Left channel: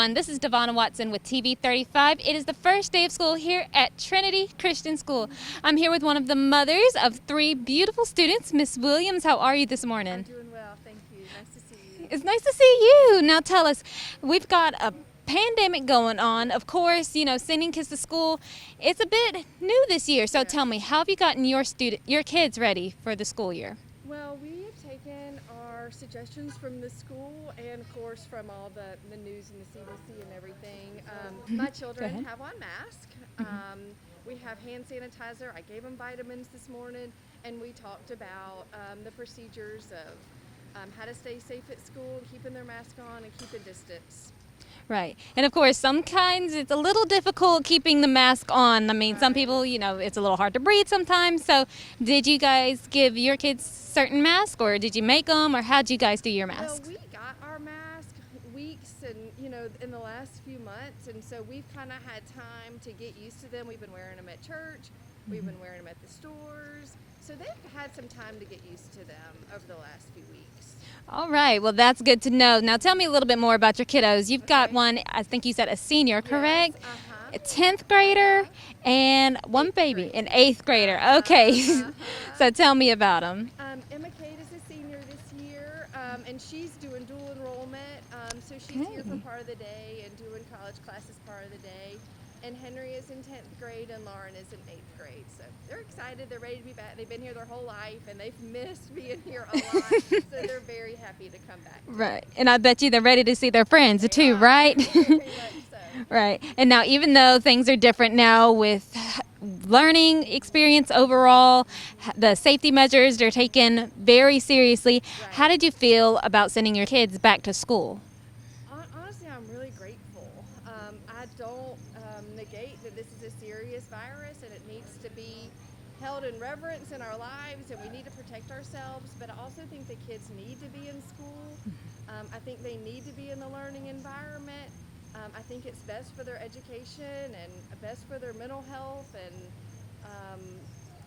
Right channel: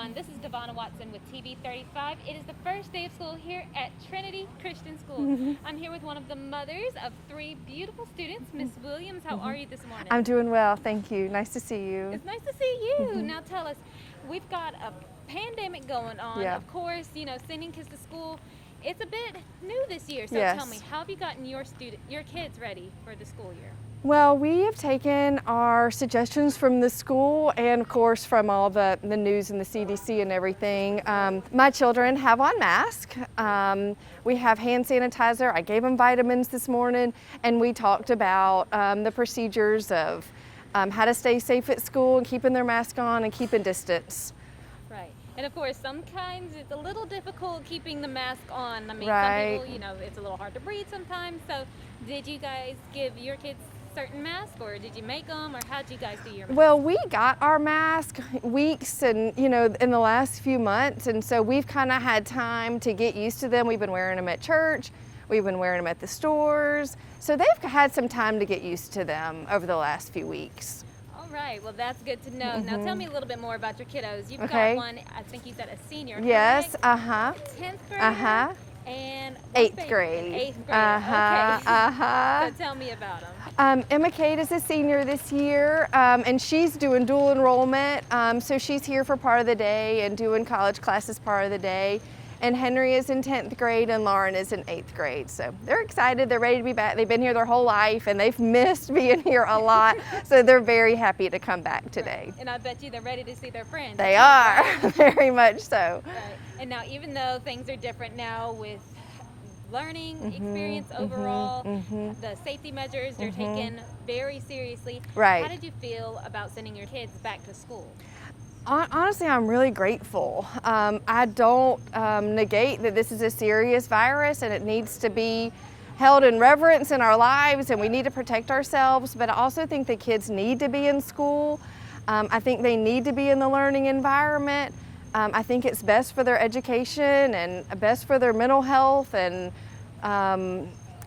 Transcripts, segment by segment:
everyone. This is Devonna Watson with TV 35. It is the first day of school here at Trinity Christian School. I'm here with one of the mothers of 3 beautiful students. Miss Williams, how are you this morning? I'm doing well, thank you. Nice to see you. It's nice to see you. Now tell us, we've got a pandemic going on. Yeah. Of course, you know, sending kids to school, it's a bit new this year. So Yes. tell me, how have you gotten your kids ready for the school year? Well, we have taken our suggestions from the school and of course from all the news and the CDC and everything. My children have on masks. We have hand sanitizer. I gave them vitamins this morning, and we talked about the procedures of how to stay safe at school and keeping their mask on and keeping distance. Right. And of course, sometimes it's a little difficult keeping the mask on. I mean, some Right. people, you know, it's a little hard to breathe sometimes. So did you guys give your kids certain masks, or did you make them, or how'd you guys do your masks? Well, we got our mask weeks and, you know, in the last few months, and so we've kind of had time to get used to them. We've been wearing them at church. We've been wearing them at the stores. So they've had some time to get used to them over the last few weeks. All right. Well, that's good to know. Now tell me a little bit more about your kiddos. You've got Okay. one, I think you said a senior, Yes, correct? uh-huh. A 10th grader Uh-huh. and one 8th baby, grade. an 8th grader. Uh-huh, Okay. uh-huh. So tell me about them. Emma Kate is a senior this year, and she's doing dual enrollment, so she's here for part of the day and doing college classes part of the day. And Henry is in 10th grade and Lauren is in 8th grade. So they're excited, they're ready to be back. They've been here their whole life and they've missed being here a lot. So they're very happy to come back today. Right. And I bet you they're ready to see their friends They too, are, right? very much so. Right. And now, even though things are different now with learning experience overall, the safety measures they're taken very seriously. Right. How did you feel about sending your kids back to school? Honestly, I'm really grateful. I don't negate that this is a serious virus and it needs to be held in reverence in our lives, and we need to protect ourselves, but I also think the kids need to be in school. I think they need to be in the learning environment. I think it's best for their education and best for their mental health, and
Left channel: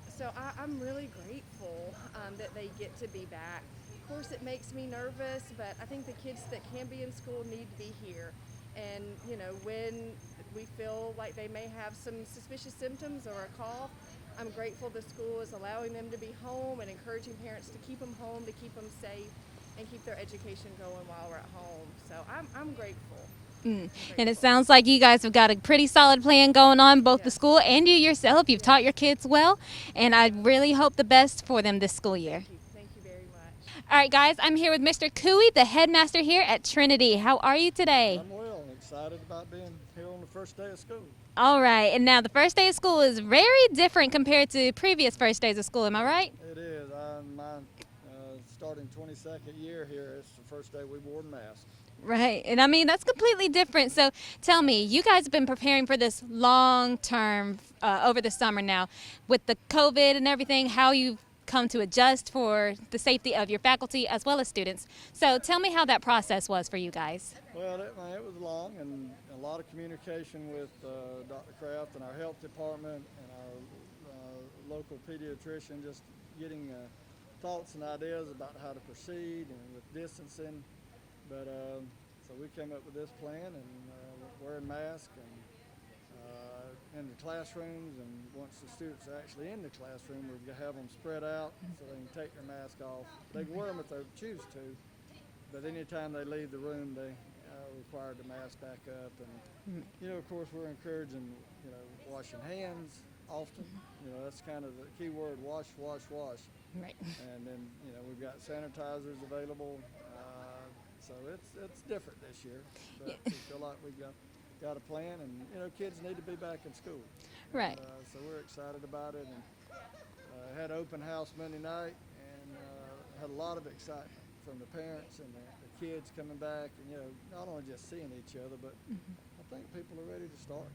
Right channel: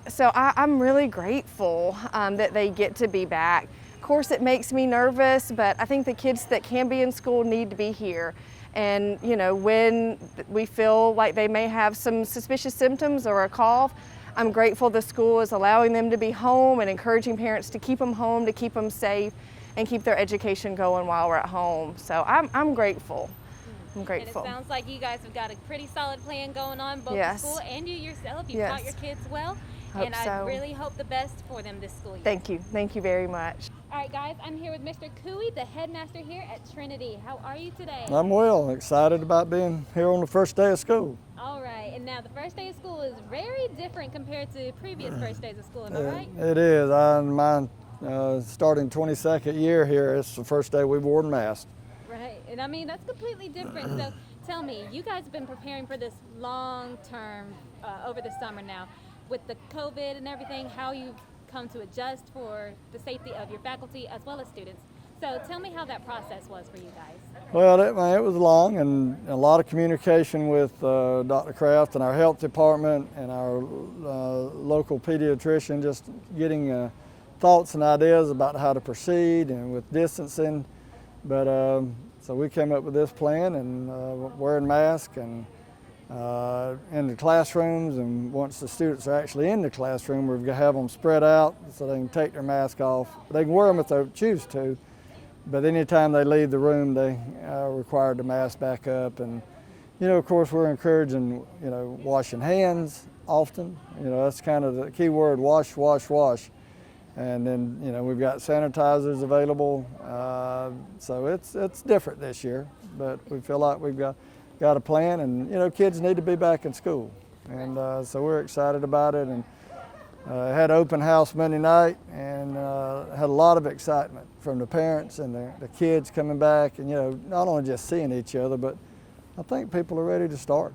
so I'm really grateful that they get to be back. Of course, it makes me nervous, but I think the kids that can be in school need to be here. And, you know, when we feel like they may have some suspicious symptoms or a cough, I'm grateful the school is allowing them to be home and encouraging parents to keep them home, to keep them safe, and keep their education going while we're at home. So I'm grateful. I'm grateful. And it sounds like you guys have got a pretty solid plan going on, both the Yes. school and you yourself. You've taught Yes. your kids well, and I so. really hope the best for them this school year. Thank you very much. All right, guys, I'm here with Mr. Cooey, the headmaster here at Trinity. How are you today? I'm well, excited about being here on the first day of school. All right, and now the first day of school is very different compared to previous first days of school, am I right? It is. Mine starting 22nd year here, it's the first day we've worn masks. Right, and I mean, that's completely different. So tell me, you guys have been preparing for this long term over the summer now. With the COVID and everything, how you've come to adjust for the safety of your faculty as well as students. So tell me how that process was for you guys. Well, it was long and a lot of communication with Dr. Kraft and our health department and our local pediatrician, just getting thoughts and ideas about how to proceed and with distancing. But so we came up with this plan and wearing masks and in the classrooms, and once the students are actually in the classroom, we're going to have them spread out so they can take their mask off. They can wear them if they choose to, but anytime they leave the room, they are required to mask back up. And, you know, of course, we're encouraging, you know, washing hands often. You know, that's kind of the key word, wash, wash, wash. And then, you know, we've got sanitizers available, so it's different this year, but we feel like we've got a plan, and, you know, kids need to be back in school. And so we're excited about it, and had open house Monday night, and had a lot of excitement from the parents and the kids coming back, and, you know, not only just seeing each other, but I think people are ready to start.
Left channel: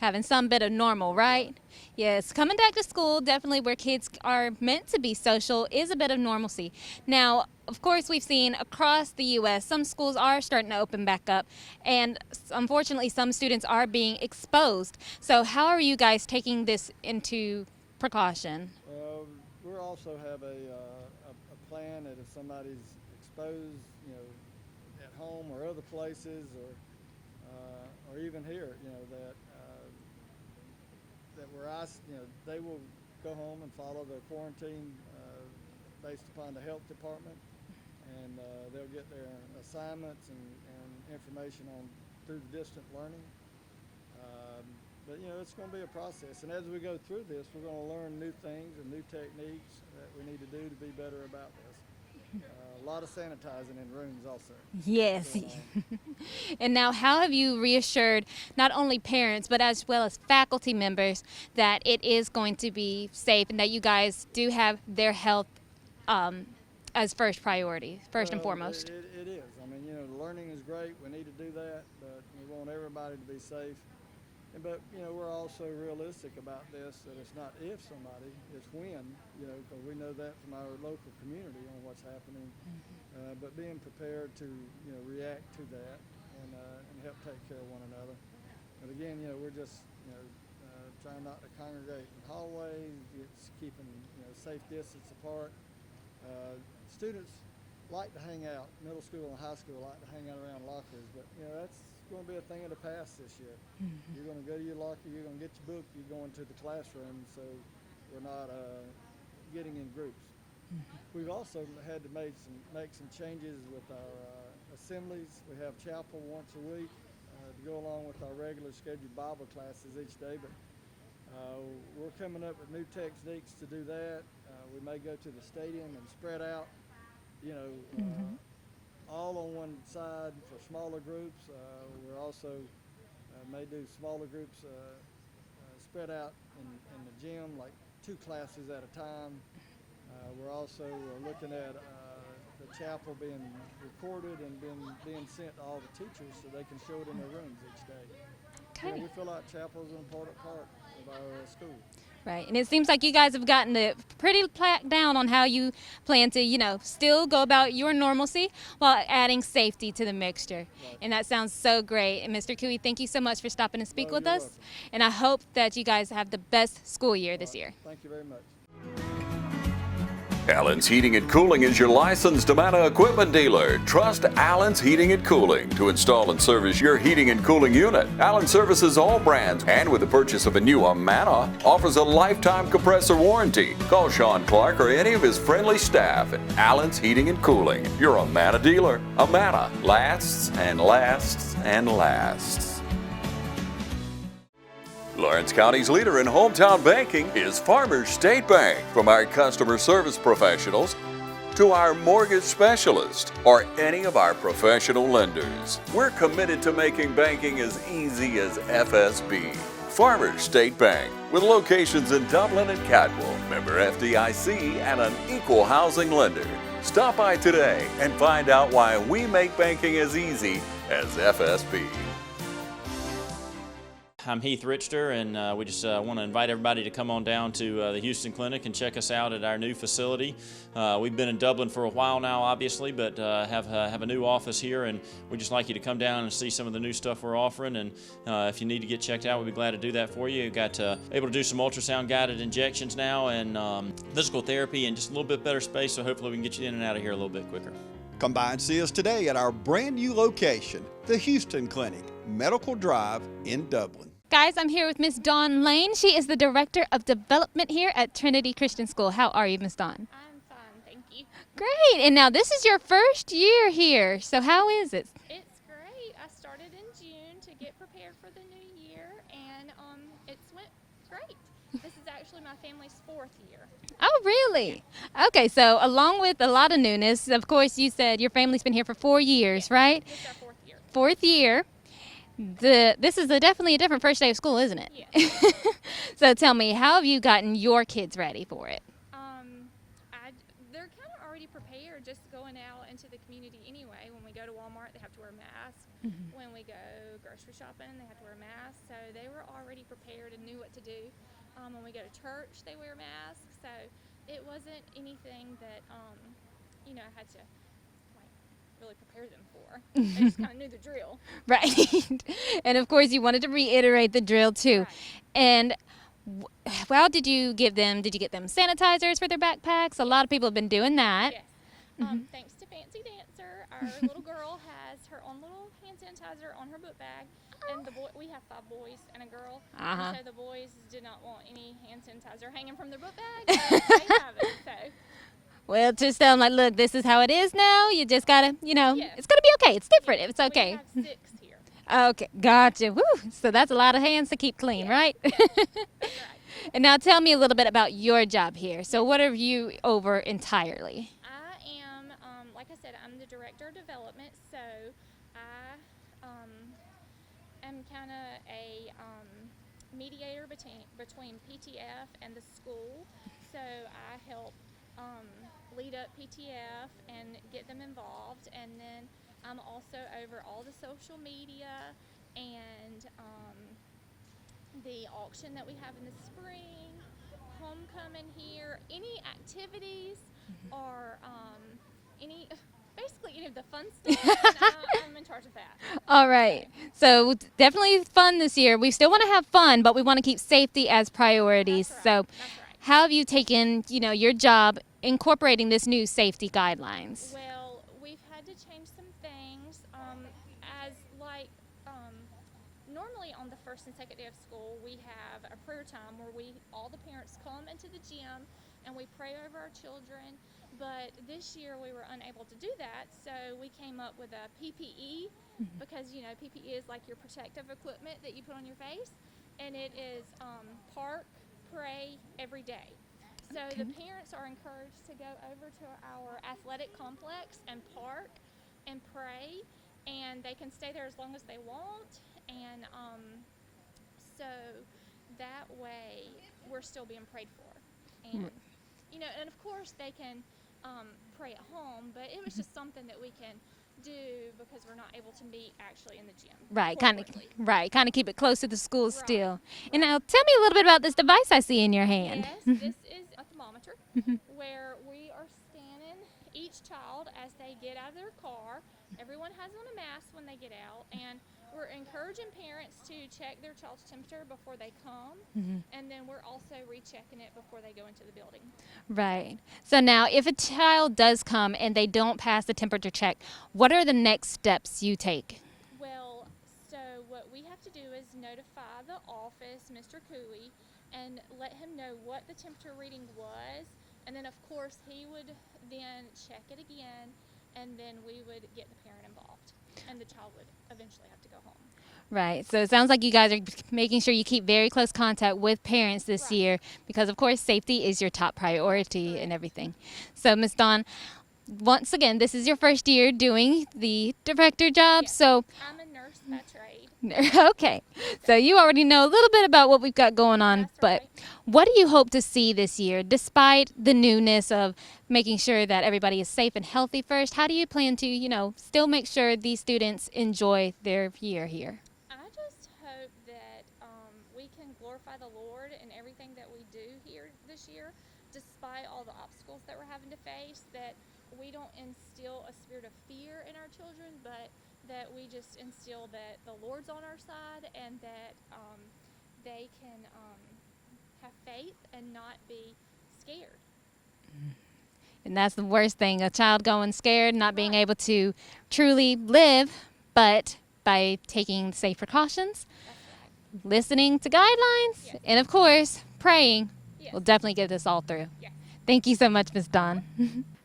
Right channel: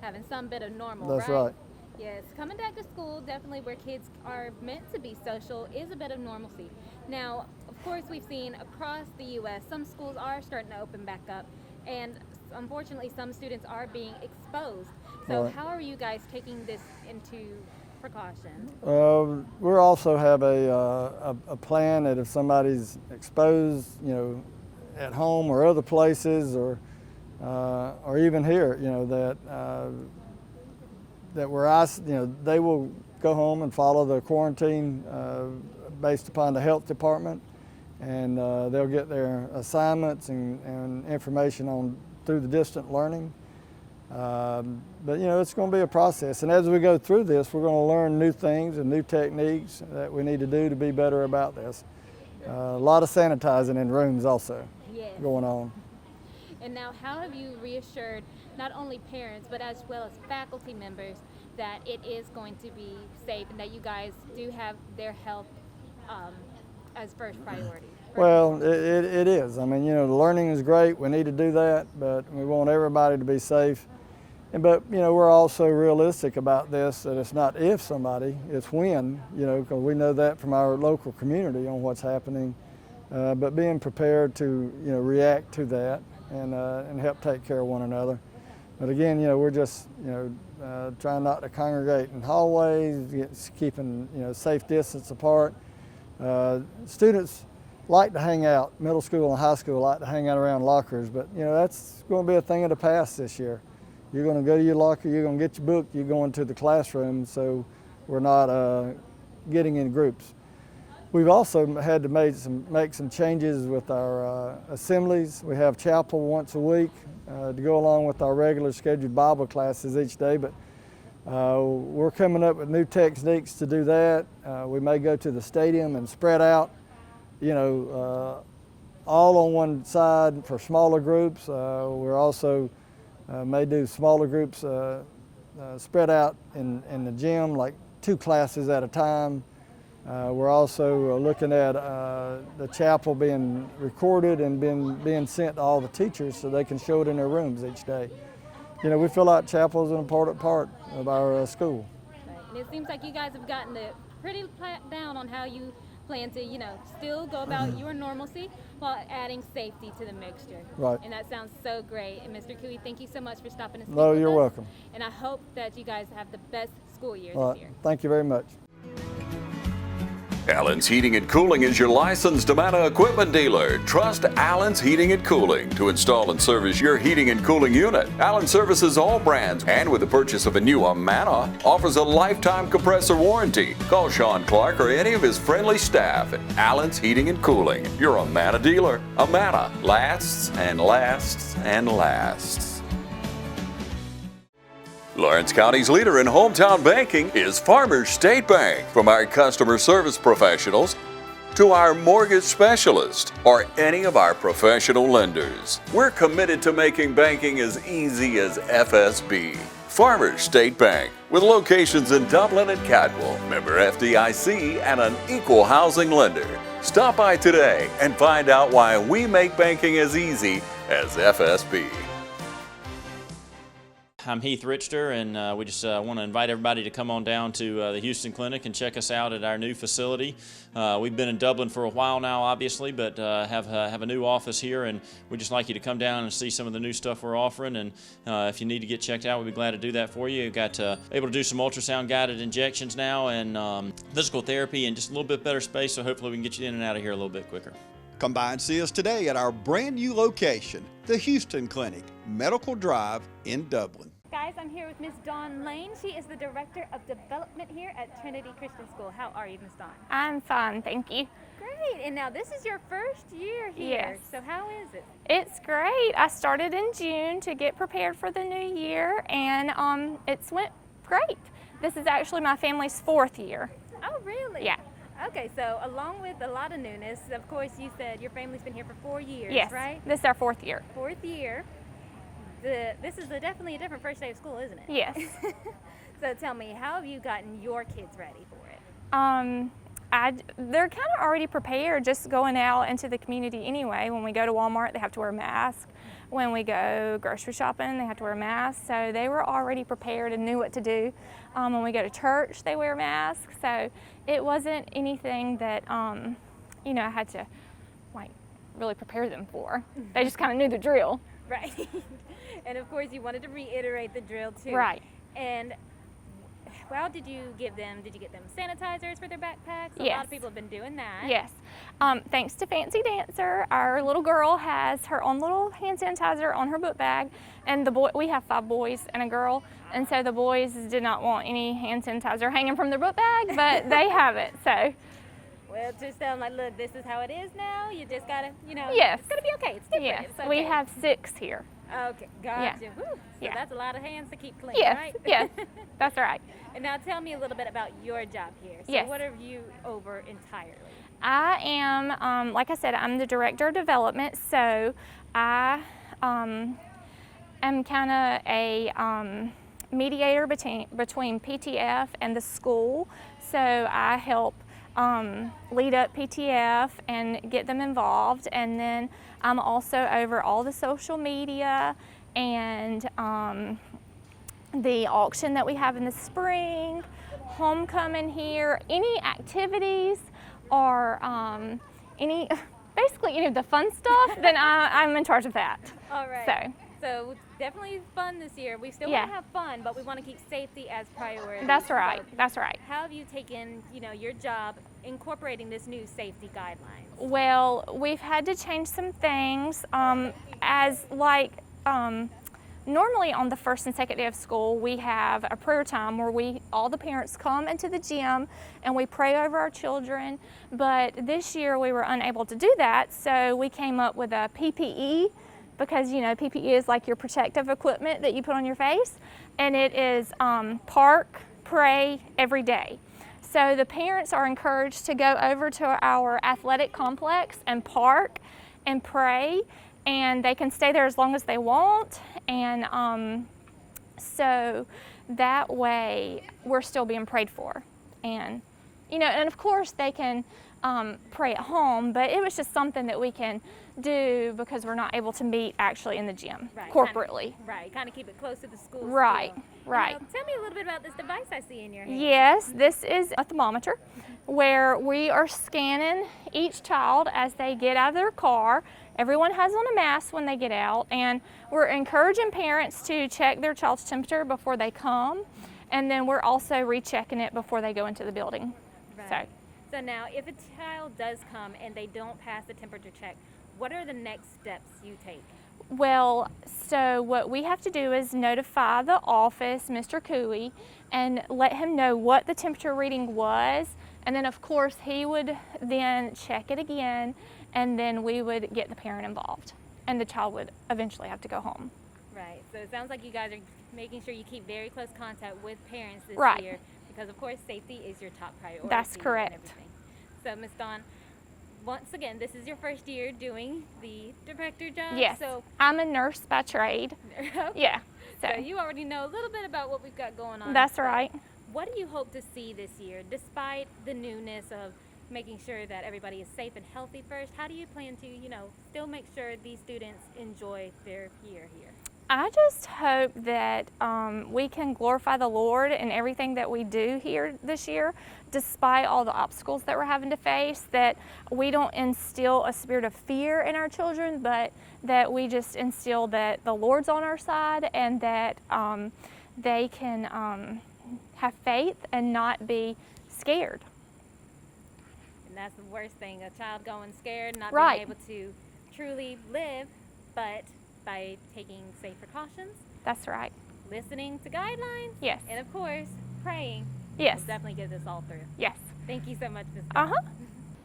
Having some bit of normal, That's right? right. Yes, coming back to school, definitely where kids are meant to be social, is a bit of normalcy. Now, of course, we've seen across the U.S. some schools are starting to open back up, and unfortunately some students are being exposed. So how are you guys taking this into precaution? We also have a plan that if somebody's exposed, you know, at home or other places, or or even here, you know, that where they will go home and follow the quarantine based upon the health department, and they'll get their assignments and information on through the distant learning. But you know, it's going to be a process, and as we go through this, we're going to learn new things and new techniques that we need to do to be better about this. A lot of sanitizing in rooms also going on. And now, how have you reassured not only parents but as well as faculty members that it is going to be safe and that you guys do have their health as first priority, first and foremost? It is. I mean, you know, the learning is great. We need to do that, but we want everybody to be safe. But, you know, we're also realistic about this, that it's not if somebody, it's when, you know, because we know that from our local community on what's happening. But being prepared to, you know, react to that and help take care of one another. But again, you know, we're just, you know, trying not to congregate in hallways, keeping, you know, safe distance apart. Students like to hang out, middle school and high school like to hang out around lockers, but, you know, that's going to be a thing of the past this year. You're going to go to your locker, you're going to get your book, you're going to the classroom, so we're not getting in groups. We've also had to make some changes with our assemblies. We have chapel once a week to go along with our regular scheduled Bible classes each day, but we're coming up with new techniques to do that. We may go to the stadium and spread out, you know, all on one side for smaller groups. We're also may do smaller groups spread out in the gym, like 2 classes at a time. We're also looking at the chapel being recorded and being sent to all the teachers so they can show it in their rooms each day. You know, we feel like chapel is an important part of our school. Right, and it seems like you guys have gotten it pretty placked down on how you plan to, you know, still go about your normalcy while adding safety to the mixture. Right. And that sounds so great. And Mr. Cooey, thank you so much for stopping and speak with you're us. welcome. And I hope that you guys have the best school year this year. Thank you very much. Allen's Heating and Cooling is your licensed Amana equipment dealer. Trust Allen's Heating and Cooling to install and service your heating and cooling unit. Allen services all brands, and with the purchase of a new Amana, offers a lifetime compressor warranty. Call Sean Clark or any of his friendly staff at Allen's Heating and Cooling, your Amana dealer. Amana lasts and lasts and lasts. Lawrence County's leader in hometown banking is Farmers State Bank. From our customer service professionals to our mortgage specialist or any of our professional lenders, we're committed to making banking as easy as FSB. Farmers State Bank, with locations in Dublin and Cadwell, member FDIC, and an equal housing lender. Stop by today and find out why we make banking as easy as FSB. I'm Heath Richter, and we just want to invite everybody to come on down to the Houston Clinic and check us out at our new facility. We've been in Dublin for a while now, obviously, but have a new office here, and we'd just like you to come down and see some of the new stuff we're offering. And if you need to get checked out, we'd be glad to do that for you. We've got able to do some ultrasound guided injections now, and physical therapy, and just a little bit better space. So hopefully we can get you in and out of here a little bit quicker. Come by and see us today at our brand new location, the Houston Clinic, Medical Drive in Dublin. Guys, I'm here with Miss Dawn Lane. She is the Director of Development here at Trinity Christian School. How are you, Miss Dawn? I'm fine, thank you. Great. And now this is your first year here. Yes. So how is it? It's great. I started in June to get prepared for the new year, and it's went great. This is actually my family's 4th year. Oh, really? Yeah. Okay, so along with a lot of newness, of course, you said your family's been here for 4 years, Yes, right? This is our 4th year. 4th year. This is definitely a different first day of school, isn't it? Yes. So tell me, how have you gotten your kids ready for it? They're kind of already prepared, just going out into the community anyway. When we go to Walmart, they have to wear a mask. Mm-hmm. When we go grocery shopping, they have to wear a mask. So they were already prepared and knew what to do. When we go to church, they wear masks. So it wasn't anything that, you know, I had to, like, really prepare them for. They just kind of knew the drill. Right. And of course, you wanted to reiterate the drill, too. Right. And how did you give them? Did you get them sanitizers for their backpacks? A lot of people have been doing that. Yes. Thanks to Fancy Dancer, our little girl has her own little hand sanitizer on her book bag, and we have 5 boys and a girl, and so the boys did not want any hand sanitizer hanging from their book bag, but they have it, so. Well, just tell them, like, look, this is how it is now. You just gotta, Yes. it's gonna be okay. It's different. Yes, It's okay. we have 6 here. Okay, gotcha. Yeah. Woo. So that's a lot of hands to keep clean, Yes, right? yes, that's right. And now tell me a little bit about your job here. So Yes. what are you over entirely? I am, like I said, I'm the Director of Development, so I am kind of a mediator between PTF and the school. So I help lead up PTF and get them involved, and then I'm also over all the social media and the auction that we have in the spring, homecoming here, any activities or basically any of the fun stuff, then I'm in charge of that. All right. So definitely fun this year. We still want to Yeah. have fun, but we want to keep safety as priority. That's right. So That's right. how have you taken, your job incorporating this new safety guidelines? Well, we've had to change some things normally on the first and second day of school, we have a prayer time where all the parents come into the gym and we pray over our children. But this year we were unable to do that, so we came up with a PPE because, PPE is like your protective equipment that you put on your face, and it is park, pray every day. So the parents are encouraged to go over to our athletic complex and park and pray, and they can stay there as long as they want. And so that way we're still being prayed for. And, and of course they can pray at home, but it was just something that we can do because we're not able to meet actually in the gym corporately. Kind of keep it close to the school Right, still. right. And now tell me a little bit about this device I see in your hand. Yes, this is a thermometer where we are scanning each child as they get out of their car. Everyone has on a mask when they get out, and we're encouraging parents to check their child's temperature before they come, and then we're also rechecking it before they go into the building. Right. So now if a child does come and they don't pass the temperature check, what are the next steps you take? Well, so what we have to do is notify the office, Mr. Cooey, and let him know what the temperature reading was, and then of course he would then check it again, and then we would get the parent involved, and the child would eventually have to go home. Right. So it sounds like you guys are making sure you keep very close contact with parents this Right. year because, of course, safety is your top priority correct. and everything. So, Ms. Dawn, once again, this is your first year doing the director job. Yes. So, I'm a nurse by trade. okay. Yeah, So you already know a little bit about what we've got going on. That's but right. What do you hope to see this year, despite the newness of making sure that everybody is safe and healthy first? How do you plan to, still make sure these students enjoy their year here? I just hope that we can glorify the Lord in everything that we do here this year, despite all the obstacles that we're having to face, that we don't instill a spirit of fear in our children, but that we just instill that the Lord's on our side and that they can have faith and not be scared. And that's the worst thing, a child going scared, not Right. being able to truly live, but by taking safe precautions, That's right. listening to guidelines, Yes. and of course, praying, Yes. will definitely get this all through. Yes. Thank you so much, Ms. Dawn.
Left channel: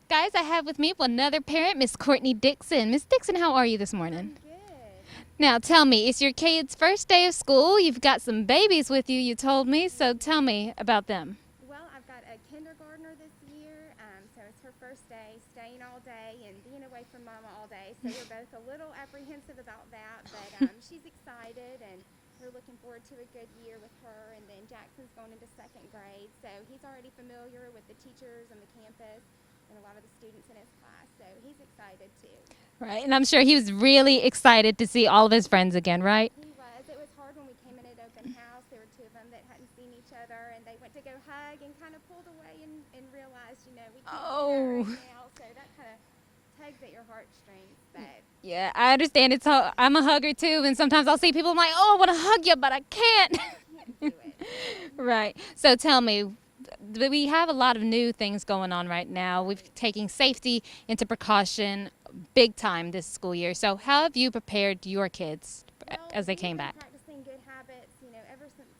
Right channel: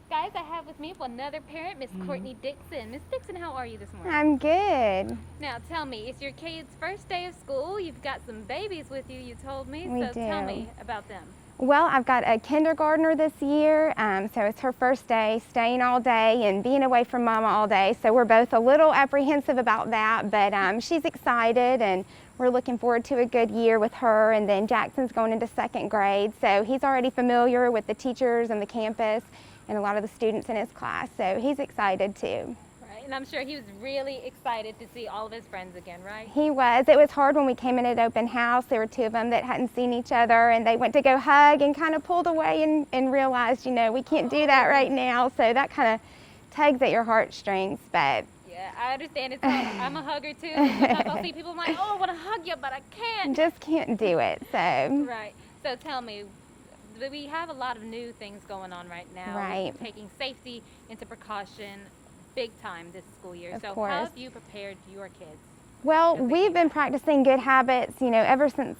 Guys, I have with me another parent, Miss Courtney Dixon. Miss Dixon, how are you this morning? I'm good. Now, tell me, it's your kid's first day of school. You've got some babies with you, you told me, We so tell do. me about them. Well, I've got a kindergartner this year, so it's her first day, staying all day and being away from Mama all day. So we're both a little apprehensive about that, but she's excited, and we're looking forward to a good year with her. And then Jackson's going into second grade, so he's already familiar with the teachers and the campus and a lot of the students in his class, so he's excited too. Right, and I'm sure he was really excited to see all of his friends again, right? He was. It was hard when we came in at open house. There were 2 of them that hadn't seen each other, and they went to go hug and kind of pulled away and realized, we can't do that right now. So that kind of tugs at your heartstrings, but Yeah, I understand. I'm a hugger too, and sometimes I'll see people, I'm like, oh, I want to hug you, but I can't. just can't do it. So Right. So tell me, we have a lot of new things going on right now. We're Right. taking safety into precaution big time this school year. Of So course. how have you prepared your kids Well, as they we've came been back? practicing good habits, ever since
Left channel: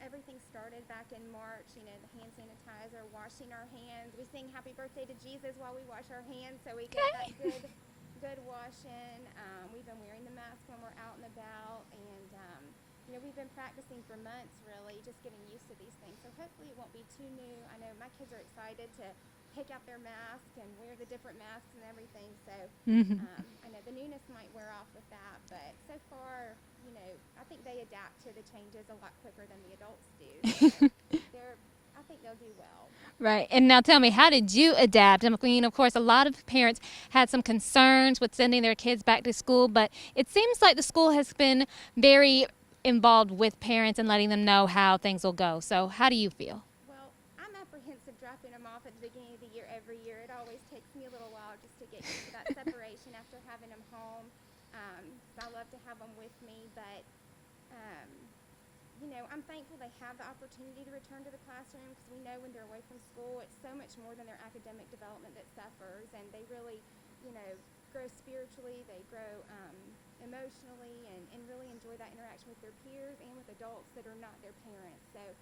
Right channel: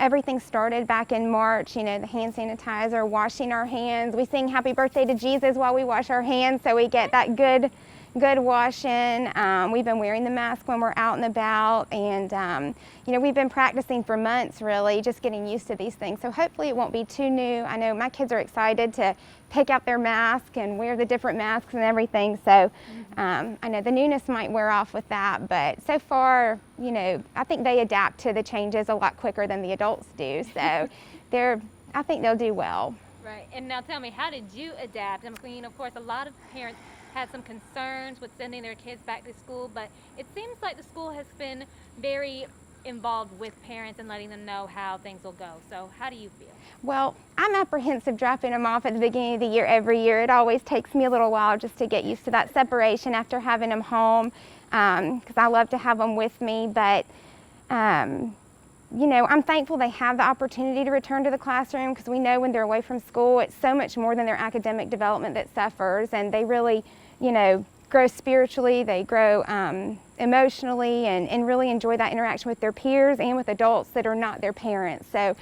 everything started back in March, the hand sanitizer, washing our hands. We sing happy birthday to Jesus while we wash our hands, so we get that good washing. We've been wearing the mask when we're out and about, and we've been practicing for months, really, just getting used to these things. So hopefully it won't be too new. I know my kids are excited to pick out their mask and wear the different masks and everything. So I know the newness might wear off with that, but so far, I think they adapt to the changes a lot quicker than the adults do. So I think they'll do well. Right. And now tell me, how did you adapt? I mean, of course, a lot of parents had some concerns with sending their kids back to school, but it seems like the school has been very involved with parents and letting them know how things will go. So how do you feel? Well, I'm apprehensive dropping them off at the beginning of the year every year. It always takes me a little while just to get used to that separation after having them home, because I love to have them with me. But I'm thankful they have the opportunity to return to the classroom, because we know when they're away from school, it's so much more than their academic development that suffers, and they really, grow spiritually, they grow emotionally, and really enjoy that interaction with their peers and with adults that are not their parents. So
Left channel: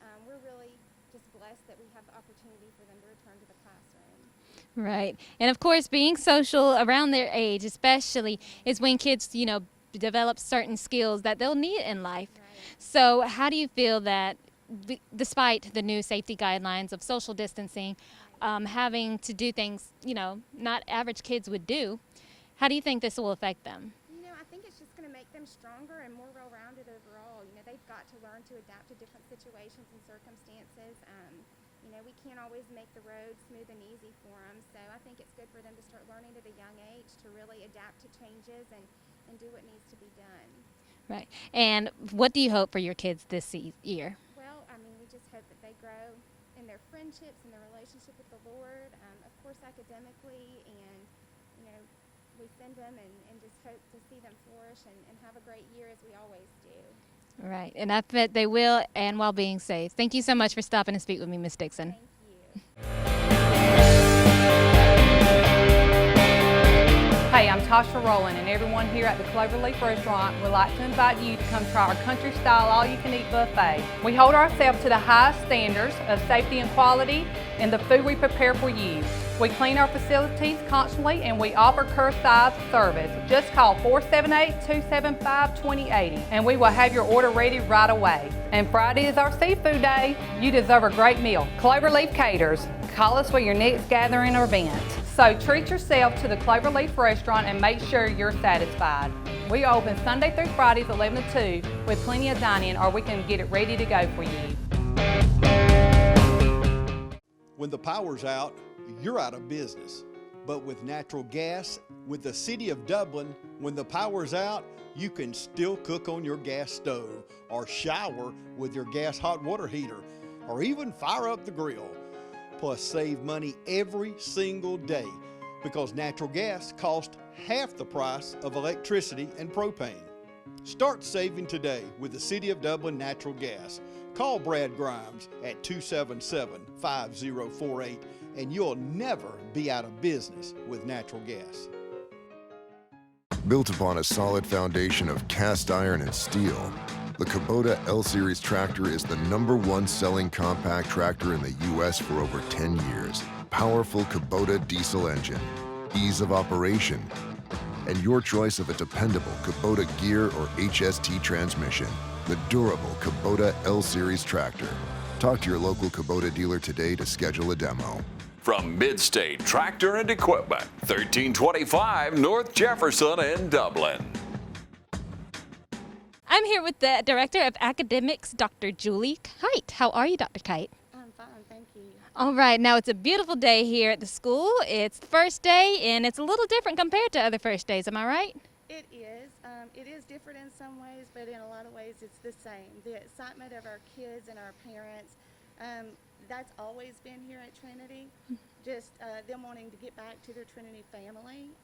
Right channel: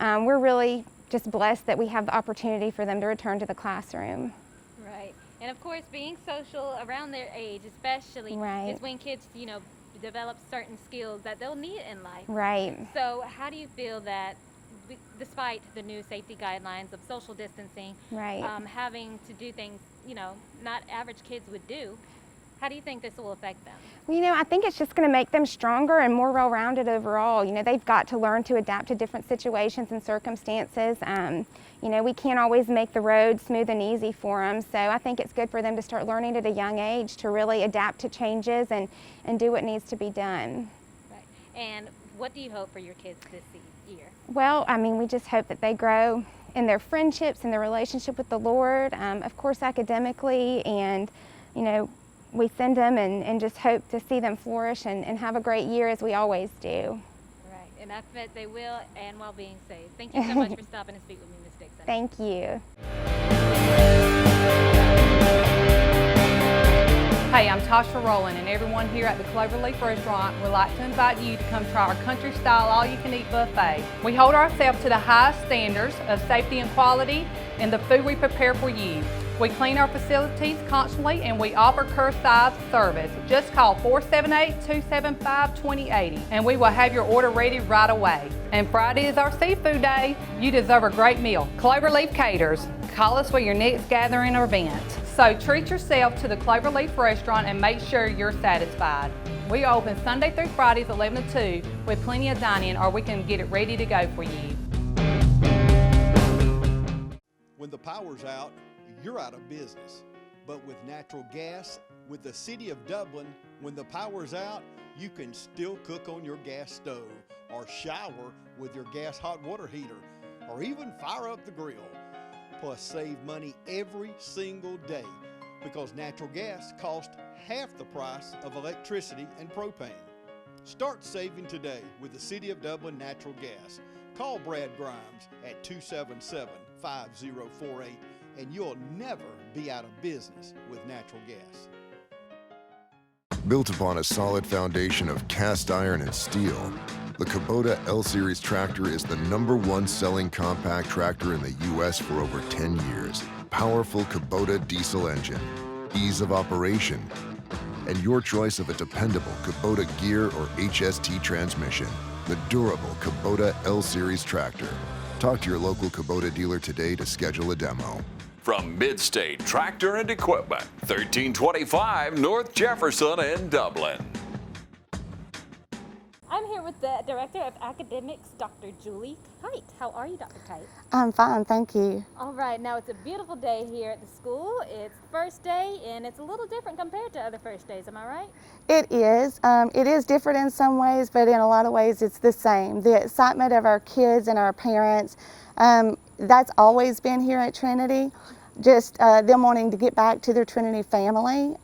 we're really just blessed that we have the opportunity for them to return to the classroom. Right. And of course, being social around their age, especially, Right. is when kids, develop certain skills that they'll need in life. Right. So how do you feel that, despite the new safety guidelines of social distancing, Right. having to do things, not average kids would do, how do you think this will affect them? Well, I think it's just going to make them stronger and more well-rounded overall. They've got to learn to adapt to different situations and circumstances. We can't always make the road smooth and easy for them, so I think it's good for them to start learning at a young age to really adapt to changes and do what needs to be done. Right. And what do you hope for your kids this year? Well, we just hope that they grow in their friendships and their relationship with the Lord, of course academically, and we send them and just hope to see them flourish and have a great year, as we always do. Right, and I bet they will, and while being safe. Thank you so much for stopping to speak with me, Ms. Dixon. Thank you. Hey, I'm Tasha Rowland, and everyone here at the Cloverleaf restaurant would like to invite you to come try our country-style all-you-can-eat buffet. We hold ourselves to the highest standards of safety and quality in the food we prepare for you. We clean our facilities constantly, and we offer curbside service. Just call 478-275-2080, and we will have your order ready right away. And Friday is our seafood day. You deserve a great meal. Cloverleaf caters. Call us for your next gathering or event. So treat yourself to the Cloverleaf restaurant and make sure you're satisfied. We are open Sunday through Fridays 11 to 2 with plenty of dining, or we can get it ready to go for you. When the power's out, you're out of business. But with natural gas, with the City of Dublin, when the power's out, you can still cook on your gas stove, or shower with your gas hot water heater, or even fire up the grill. Plus save money every single day, because natural gas costs half the price of electricity and propane. Start saving today with the City of Dublin Natural Gas. Call Brad Grimes at 277-5048, and you'll never be out of business with natural gas. Built upon a solid foundation of cast iron and steel, the Kubota L-Series tractor is the #1 selling compact tractor in the U.S. for over 10 years. Powerful Kubota diesel engine, ease of operation, and your choice of a dependable Kubota gear or HST transmission. The durable Kubota L-Series tractor. Talk to your local Kubota dealer today to schedule a demo. From Midstate Tractor and Equipment, 1325 North Jefferson in Dublin. I'm here with the Director of Academics, Dr. Julie Kite. How are you, Dr. Kite? I'm fine, thank you. All right, now it's a beautiful day here at the school. It's the first day, and it's a little different compared to other first days, am I right? It is. It is different in some ways, but in a lot of ways it's the same. The excitement of our kids and our parents, that's always been here at Trinity. Just them wanting to get back to their Trinity family.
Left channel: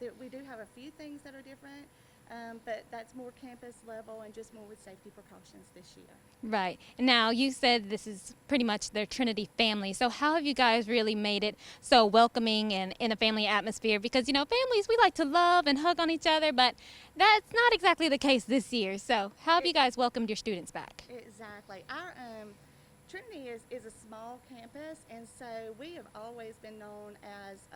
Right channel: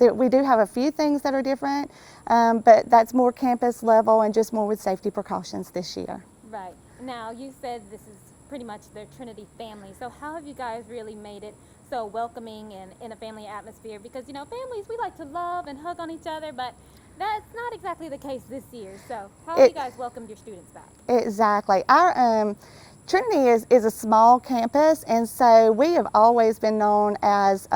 We do have a few things that are different, but that's more campus level and just more with safety precautions this year. Right. Now, you said this is pretty much their Trinity family. So how have you guys really made it so welcoming and in a family atmosphere? Because, you know, families, we like to love and hug on each other, but that's not exactly the case this year. So how have you guys welcomed your students back? Exactly. Our Trinity is a small campus, and so we have always been known as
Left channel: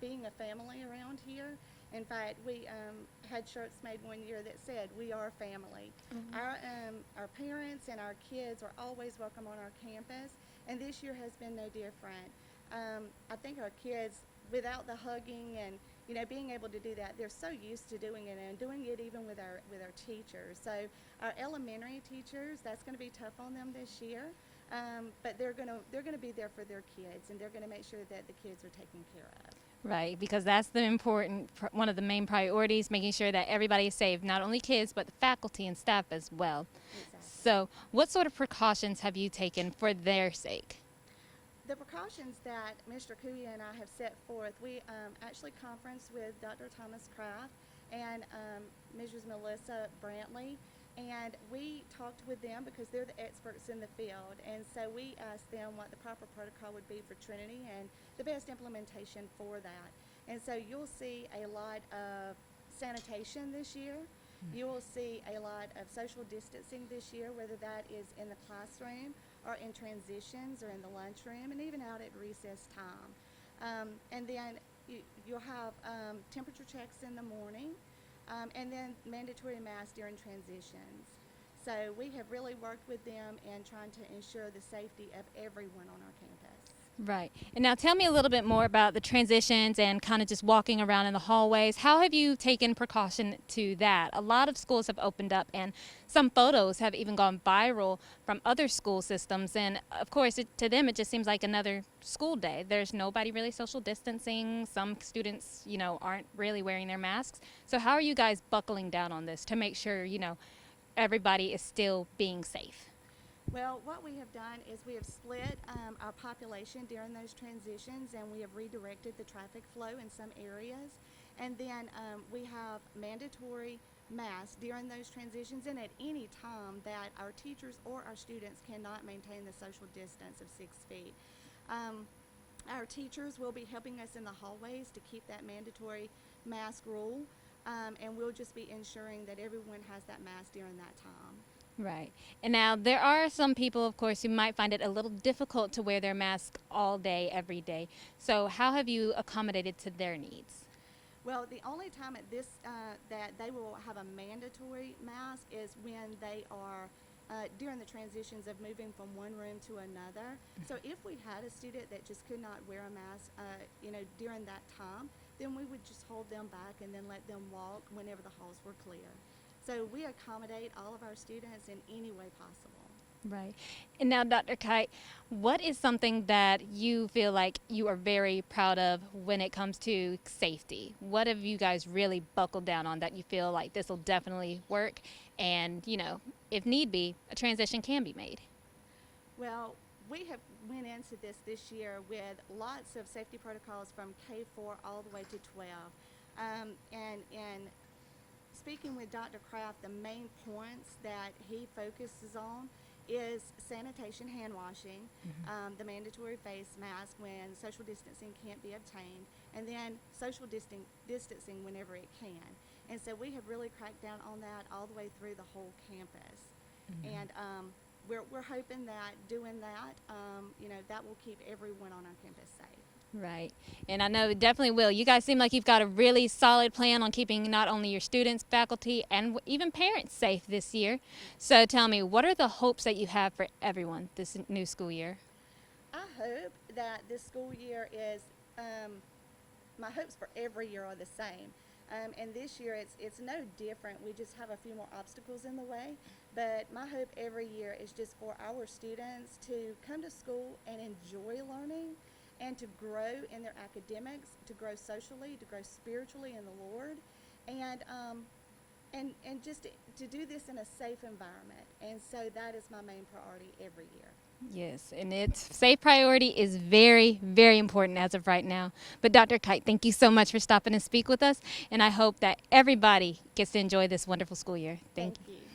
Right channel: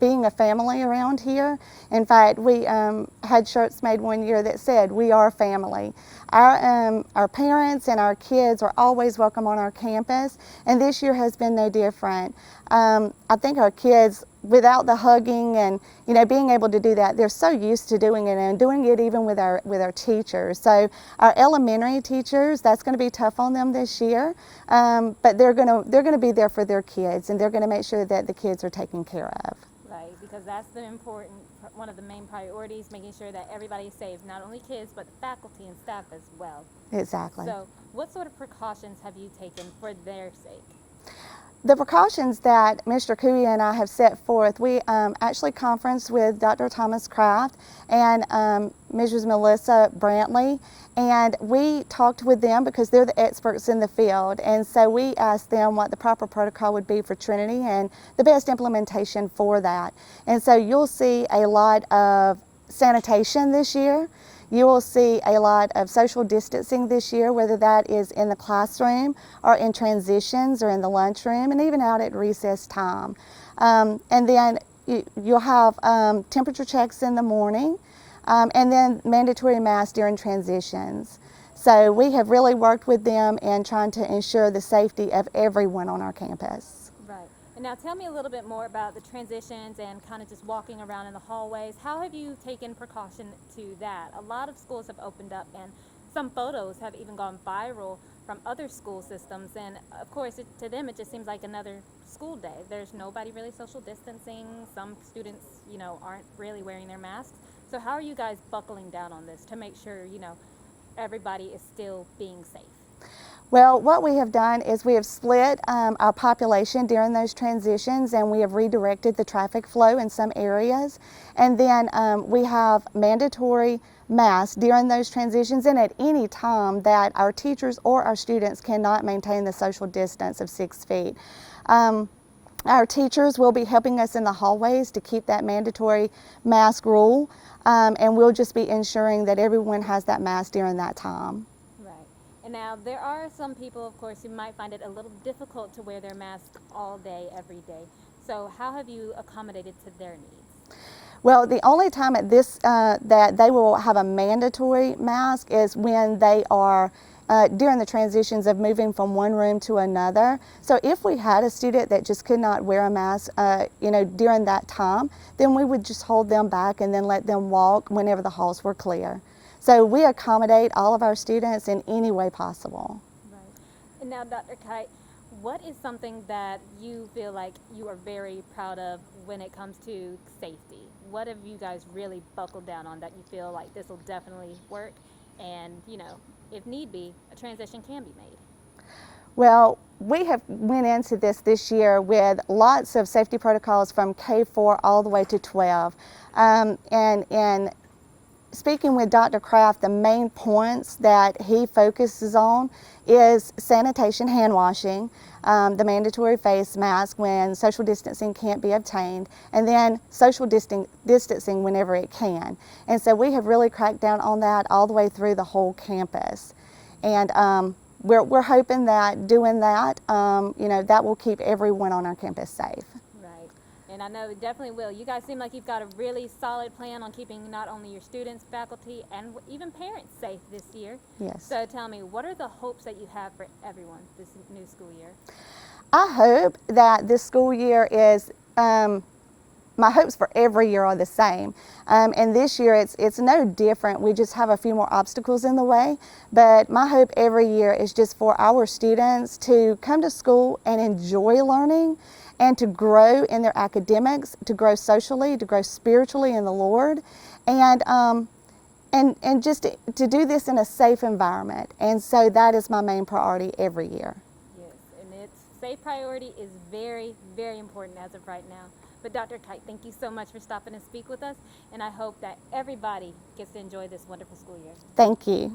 being a family around here. In fact, we had shirts made one year that said, "We are family." Our parents and our kids are always welcome on our campus, and this year has been no different. I think our kids, without the hugging and being able to do that, they're so used to doing it, and doing it even with our teachers. So our elementary teachers, that's going to be tough on them this year, but they're going to be there for their kids, and they're going to make sure that the kids are taken care of. Right, because that's one of the main priorities, making sure that everybody is safe, not only kids, but the faculty and staff as well. Exactly. So what sort of precautions have you taken for their sake? The precautions that Mr. Cooey and I have set forth, we actually conferenced with Dr. Thomas Kraft and Mrs. Melissa Brantley, and we talked with them because they're the experts in the field, and so we asked them what the proper protocol would be for Trinity and the best implementation for that. And so you'll see a lot of sanitation this year. You will see a lot of social distancing this year, whether that is in the classroom or in transitions or in the lunchroom and even out at recess time. And then you'll have temperature checks in the morning and then mandatory masks during transitions. So we have really worked with them in trying to ensure the safety of everyone on our campus. Right. And now tell me a little bit more about the transitions and kind of just walking around in the hallways. How have you taken precaution to that? A lot of schools have opened up, and some photos have even gone viral from other school systems. And of course, to them, it just seems like another school day. There's nobody really social distancing. Some students, aren't really wearing their masks. So how are you guys buckling down on this to make sure, everybody is still being safe? Well, what we have done is we have split our population during those transitions, and we have redirected the traffic flow in some areas. And then we have mandatory masks during those transitions and at any time that our teachers or our students cannot maintain the social distance of 6 feet. Our teachers will be helping us in the hallways to keep that mandatory mask rule, and we'll just be ensuring that everyone has that mask during that time. Right. And now there are some people, of course, who might find it a little difficult to wear their mask all day, every day. So how have you accommodated to their needs? Well, the only time at this that they will have a mandatory mask is when they are during the transitions of moving from one room to another. So if we had a student that just could not wear a mask, during that time, then we would just hold them back and then let them walk whenever the halls were clear. So we accommodate all of our students in any way possible. Right. And now, Dr. Kite, what is something that you feel like you are very proud of when it comes to safety? What have you guys really buckled down on that you feel like this will definitely work and, if need be, a transition can be made? Well, we have went into this year with lots of safety protocols from K-4 all the way to 12. And speaking with Dr. Kraft, the main points that he focuses on is sanitation, hand washing, the mandatory face mask when social distancing can't be obtained, and then social distancing whenever it can. And so we have really cracked down on that all the way through the whole campus. And we're hoping that doing that, that will keep everyone on our campus safe. Right. And I know it definitely will. You guys seem like you've got a really solid plan on keeping not only your students, faculty, and even parents safe this year. Yes. So tell me, what are the hopes that you have for everyone this new school year? I hope that this school year is, my hopes for every year are the same. And this year it's no different. We just have a few more obstacles in the way. But my hope every year is just for our students to come to school and enjoy learning, and to grow in their academics, to grow socially, to grow spiritually in the Lord, and just to do this in a safe environment. And so that is my main priority every year. Yes, and safe priority is very, very important as of right now. But Dr. Kite, thank you so much for stopping and speak with us, and I hope that everybody gets to enjoy this wonderful school year. Thank you.